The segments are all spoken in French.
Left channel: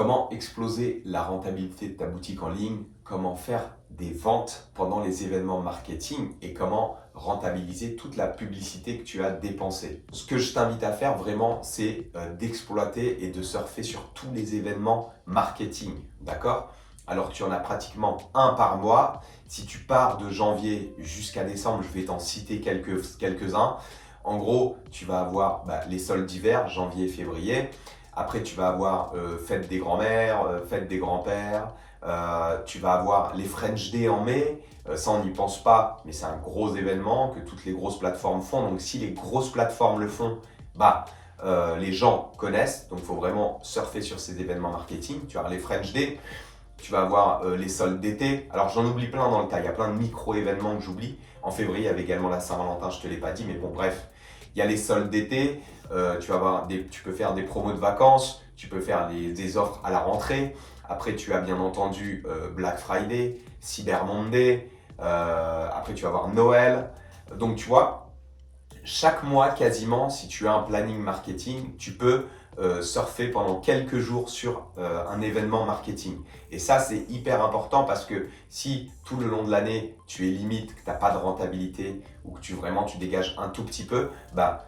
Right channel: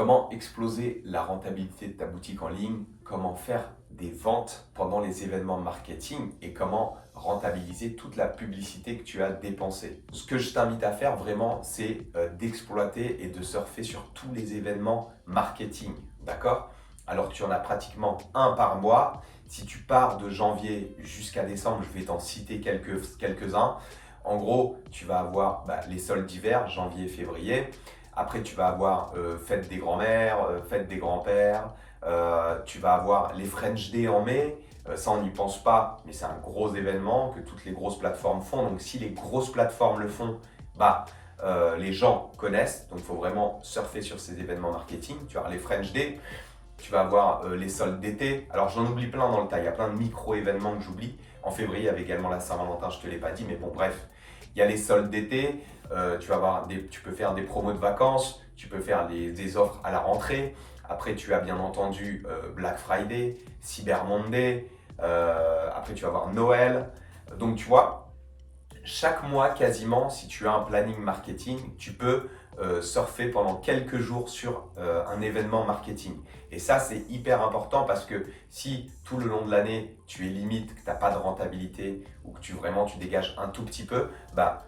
Comment exploser la rentabilité de ta boutique en ligne? Comment faire des ventes pendant les événements marketing et comment rentabiliser toute la publicité que tu as dépensée? Ce que je t'invite à faire vraiment, c'est d'exploiter et de surfer sur tous les événements marketing, d'accord? Alors tu en as pratiquement un par mois. Si tu pars de janvier jusqu'à décembre, je vais t'en citer quelques-uns. En gros, tu vas avoir les soldes d'hiver, janvier, février. Après, tu vas avoir fête des grands-mères, fête des grands-pères. Tu vas avoir les French Day en mai. Ça, on n'y pense pas, mais c'est un gros événement que toutes les grosses plateformes font. Donc, si les grosses plateformes le font, les gens connaissent. Donc, il faut vraiment surfer sur ces événements marketing. Tu vas avoir les French Day. Tu vas avoir les soldes d'été. Alors, j'en oublie plein dans le tas. Il y a plein de micro-événements que j'oublie. En février, il y avait également la Saint-Valentin, je ne te l'ai pas dit, mais bon, bref. Il y a les soldes d'été. Tu peux faire des promos de vacances. Tu peux faire des offres à la rentrée. Après, tu as bien entendu Black Friday, Cyber Monday. Après, tu vas avoir Noël. Donc, tu vois, chaque mois quasiment, si tu as un planning marketing, tu peux surfer pendant quelques jours sur un événement marketing. Et ça, c'est hyper important parce que si tout le long de l'année, tu es limite, que tu n'as pas de rentabilité ou que tu dégages un tout petit peu,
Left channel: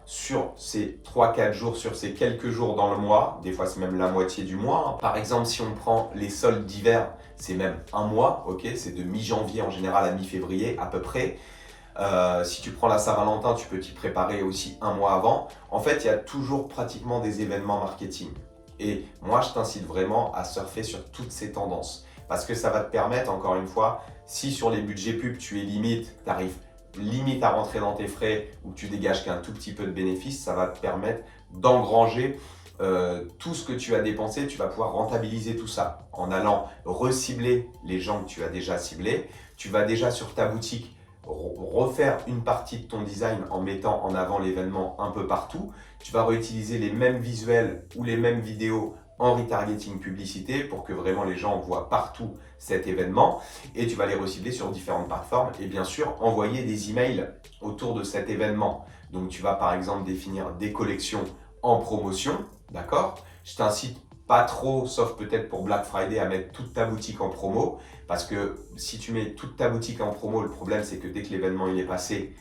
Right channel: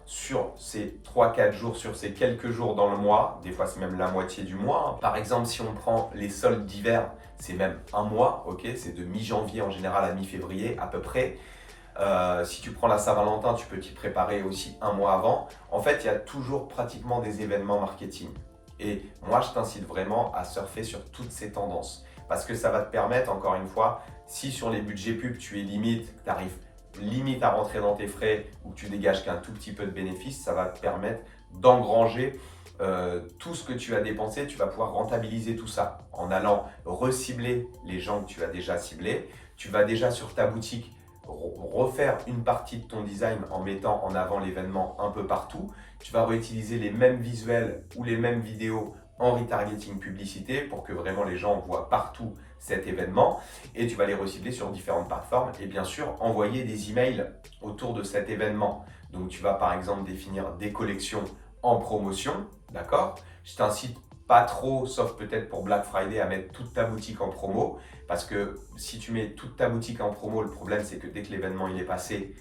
sur ces 3-4 jours, sur ces quelques jours dans le mois, des fois c'est même la moitié du mois. Hein. Par exemple, si on prend les soldes d'hiver, c'est même un mois, ok, c'est de mi-janvier en général à mi-février à peu près. Si tu prends la Saint-Valentin, tu peux t'y préparer aussi un mois avant. En fait, il y a toujours pratiquement des événements marketing. Et moi, je t'incite vraiment à surfer sur toutes ces tendances. Parce que ça va te permettre, encore une fois, si sur les budgets pub, tu es limite, tu arrives limite à rentrer dans tes frais ou que tu dégages qu'un tout petit peu de bénéfices, ça va te permettre d'engranger tout ce que tu as dépensé. Tu vas pouvoir rentabiliser tout ça en allant recibler les gens que tu as déjà ciblés. Tu vas déjà sur ta boutique refaire une partie de ton design en mettant en avant l'événement un peu partout. Tu vas réutiliser les mêmes visuels ou les mêmes vidéos en retargeting publicité pour que vraiment les gens voient partout cet événement et tu vas les recibler sur différentes plateformes et bien sûr envoyer des emails autour de cet événement. Donc tu vas par exemple définir des collections en promotion, d'accord? Je t'incite pas trop, sauf peut-être pour Black Friday, à mettre toute ta boutique en promo. Parce que si tu mets toute ta boutique en promo, le problème c'est que dès que l'événement il est passé,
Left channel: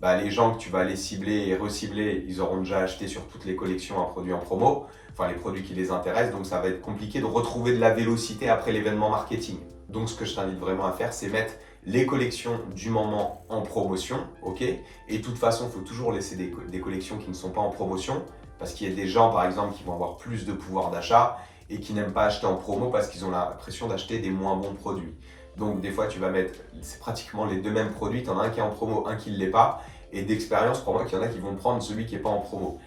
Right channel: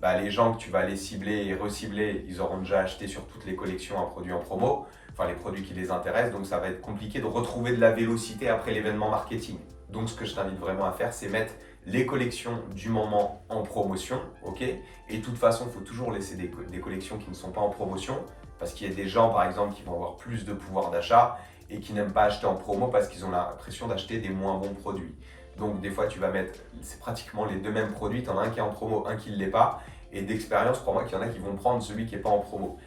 les gens que tu vas aller cibler et recibler, ils auront déjà acheté sur toutes les collections un produit en promo, enfin les produits qui les intéressent, donc ça va être compliqué de retrouver de la vélocité après l'événement marketing. Donc ce que je t'invite vraiment à faire, c'est mettre les collections du moment en promotion, ok? Et de toute façon, il faut toujours laisser des collections qui ne sont pas en promotion, parce qu'il y a des gens par exemple qui vont avoir plus de pouvoir d'achat et qui n'aiment pas acheter en promo parce qu'ils ont l'impression d'acheter des moins bons produits. Donc des fois tu vas mettre, c'est pratiquement les deux mêmes produits, tu en as un qui est en promo, un qui ne l'est pas, et d'expérience, crois-moi qu'il y en a qui vont prendre celui qui n'est pas en promo.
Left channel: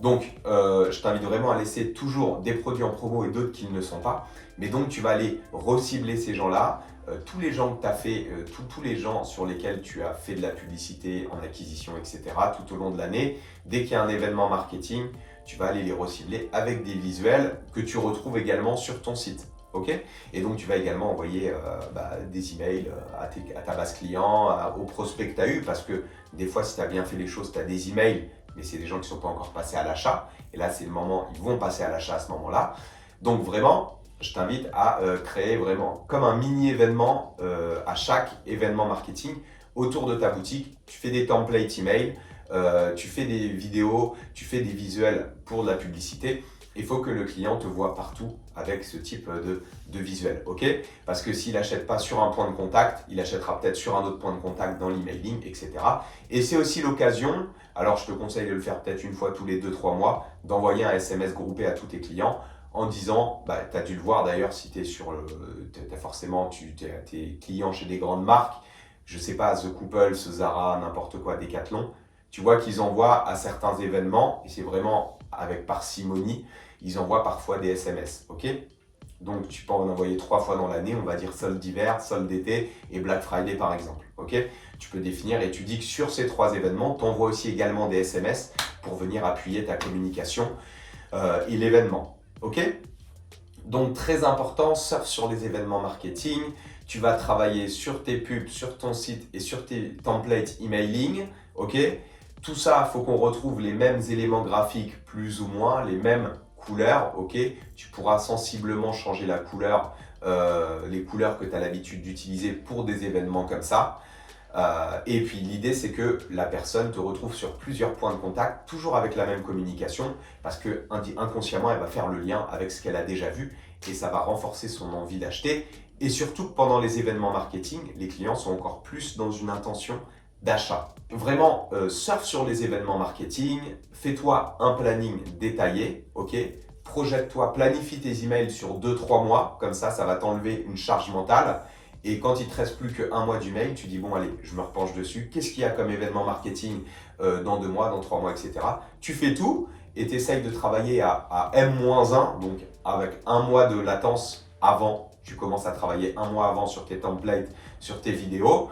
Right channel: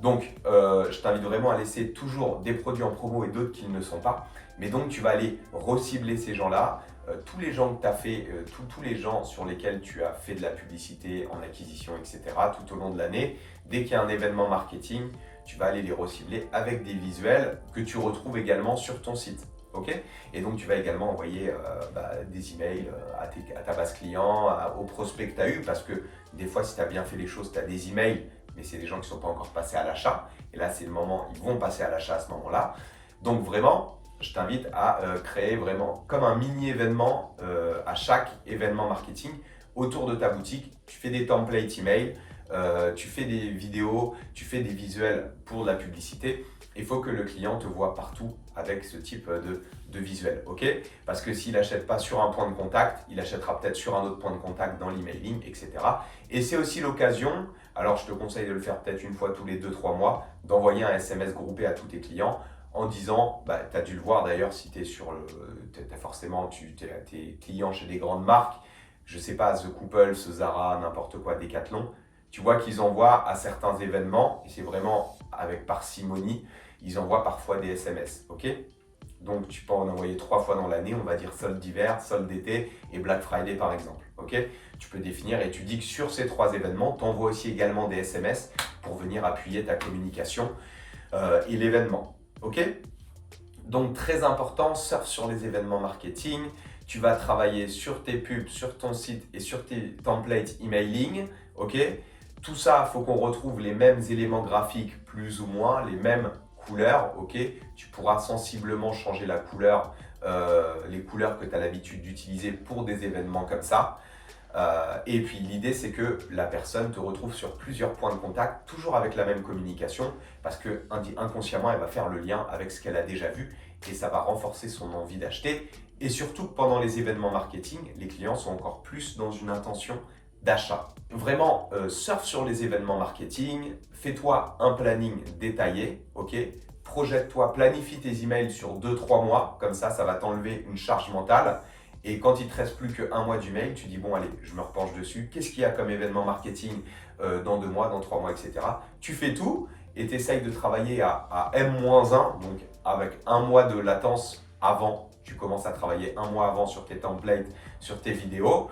Donc je t'invite vraiment à laisser toujours des produits en promo et d'autres qui ne le sont pas. Mais donc tu vas aller recibler ces gens-là, tous les gens que tu as fait, tous les gens sur lesquels tu as fait de la publicité en acquisition, etc. tout au long de l'année. Dès qu'il y a un événement marketing, tu vas aller les recibler avec des visuels que tu retrouves également sur ton site. Okay, et donc, tu vas également envoyer des emails à ta base client, aux prospects que tu as eu, parce que des fois, si tu as bien fait les choses, tu as des emails, mais c'est des gens qui ne sont pas encore passés à l'achat. Et là, c'est le moment, ils vont passer à l'achat à ce moment-là. Donc, vraiment, je t'invite à créer vraiment comme un mini-événement à chaque événement marketing autour de ta boutique. Tu fais des templates email, tu fais des vidéos, tu fais des visuels pour de la publicité. Il faut que le client te voit partout avec ce type de visuel, ok? Parce que s'il n'achète pas sur un point de contact, il achètera peut-être sur un autre point de contact dans l'emailing, etc. Et c'est aussi l'occasion, alors je te conseille de le faire peut-être une fois tous les 2-3 mois, d'envoyer un SMS groupé à tous tes clients en disant, tu as dû le voir d'ailleurs si tu es sur le, forcément tes clients chez des grandes marques, je sais pas, The Couple, Zara, n'importe quoi, Decathlon, tu vois qu'ils envoient à certains événements, et c'est vraiment avec parcimonie, ils envoient parfois des SMS, ok? Donc tu peux en envoyer 3 fois dans l'année, on va dire solde d'hiver, solde d'été et Black Friday par exemple, ok? Tu peux définir et tu dis que sur ces 3 événements, tu envoies aussi également des SMS pour venir appuyer ta communication et l'événement, ok? Donc très important, surf sur les événements marketing, tu vas travailler sur tes pubs, sur ton site et sur tes templates emailing, ok? Tout ça, il faut qu'on retrouve les mêmes éléments graphiques plus ou moins, les mêmes couleur, ok, tu pourras sensiblement changer la couleur, les couleurs que tu as l'habitude d'utiliser pour des événements comme ça. Et puis l'idée, c'est que la personne te retrouve sur plusieurs points de contact, toujours avec la même communication, parce que inconsciemment, elle va faire le lien avec ce qu'elle a déjà vu et ça va renforcer son envie d'acheter. Et surtout, pendant les événements marketing, les clients sont encore plus dans une intention d'achat. Vraiment, surfe sur les événements marketing, fais-toi un planning détaillé, ok? Projette-toi, planifie tes emails sur 2-3 mois, comme ça va t'enlever une charge mentale. Et quand il ne te reste plus qu'un mois d'email, tu dis bon allez, je me repenche dessus. Qu'est-ce qu'il y a comme événement marketing dans 2 mois, dans 3 mois, etc. Tu fais tout et tu essayes de travailler à M-1, donc avec un mois de latence avant. Tu commences à travailler un mois avant sur tes templates, sur tes vidéos.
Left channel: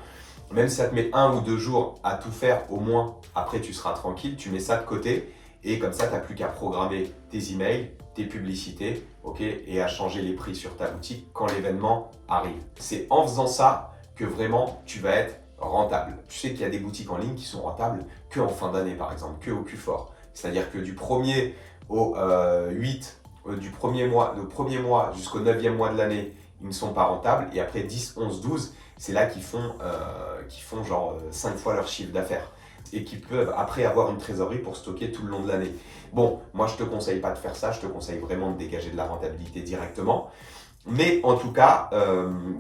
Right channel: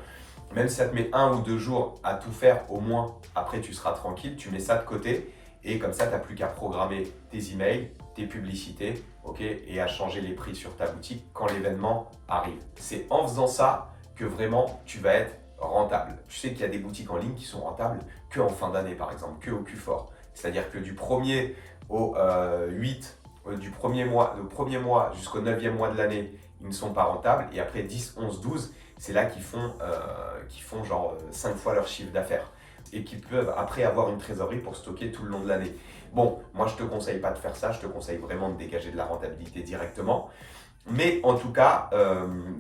Même si ça te met 1 ou 2 jours à tout faire, au moins après tu seras tranquille, tu mets ça de côté. Et comme ça, tu n'as plus qu'à programmer tes emails, tes publicités, ok, et à changer les prix sur ta boutique quand l'événement arrive. C'est en faisant ça que vraiment tu vas être rentable. Tu sais qu'il y a des boutiques en ligne qui sont rentables qu'en fin d'année, par exemple, que au Q4. C'est-à-dire que du 1er au 8, du premier mois jusqu'au 9e mois de l'année, ils ne sont pas rentables. Et après 10, 11, 12, c'est là qu'ils font genre 5 fois leur chiffre d'affaires. Et qui peuvent après avoir une trésorerie pour stocker tout le long de l'année. Bon, moi je ne te conseille pas de faire ça, je te conseille vraiment de dégager de la rentabilité directement. Mais en tout cas,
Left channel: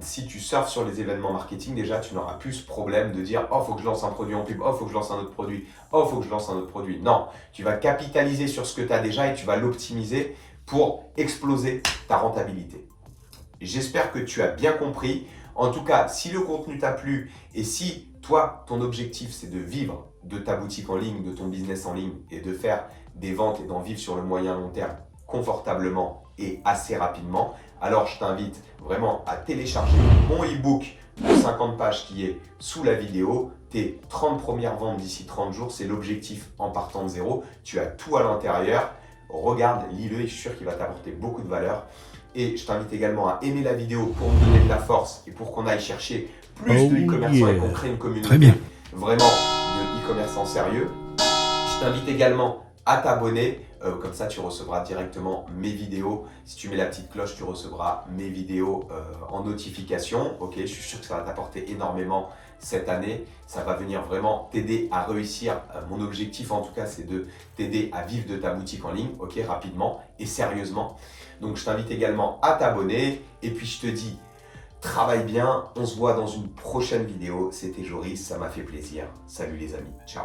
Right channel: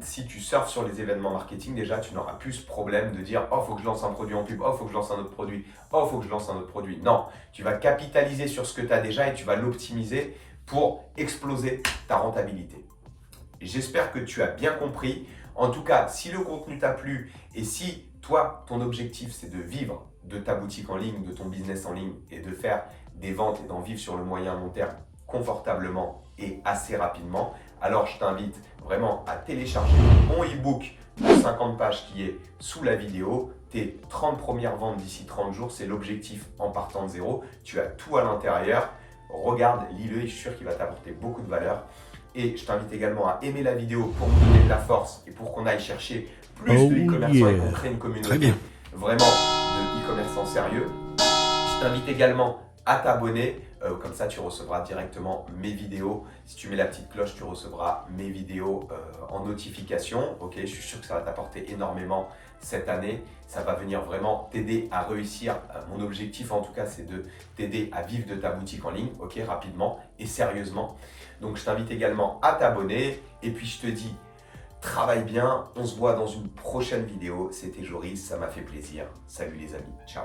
si tu surfes sur les événements marketing, déjà tu n'auras plus ce problème de dire « Oh, il faut que je lance un produit en pub, oh, il faut que je lance un autre produit, oh, il faut que je lance un autre produit ». Non, tu vas capitaliser sur ce que tu as déjà et tu vas l'optimiser pour exploser ta rentabilité. J'espère que tu as bien compris. En tout cas, si le contenu t'a plu et si toi, ton objectif, c'est de vivre de ta boutique en ligne, de ton business en ligne et de faire des ventes et d'en vivre sur le moyen long terme confortablement et assez rapidement, alors je t'invite vraiment à télécharger mon e-book de 50 pages qui est sous la vidéo. Tes 30 premières ventes d'ici 30 jours, c'est l'objectif en partant de zéro. Tu as tout à l'intérieur. Regarde, lis-le et je suis sûr qu'il va t'apporter beaucoup de valeur. Et je t'invite également à aimer la vidéo pour nous donner de la force et pour qu'on aille chercher plus de e-commerçants et qu'on crée une communauté vraiment de e-commerçants sérieux. Je t'invite également à t'abonner, comme ça tu recevras directement mes vidéos. Si tu mets la petite cloche, tu recevras mes vidéos en notification. Ok, je suis sûr que ça va t'apporter énormément cette année. Ça va venir vraiment t'aider à réussir. Mon objectif en tout cas, c'est de t'aider à vivre de ta boutique en ligne, ok, rapidement et sérieusement. Donc je t'invite également à t'abonner et puis je te dis travaille bien, on se voit dans une prochaine vidéo. C'était Joris, ça m'a fait plaisir. Salut les amis, ciao.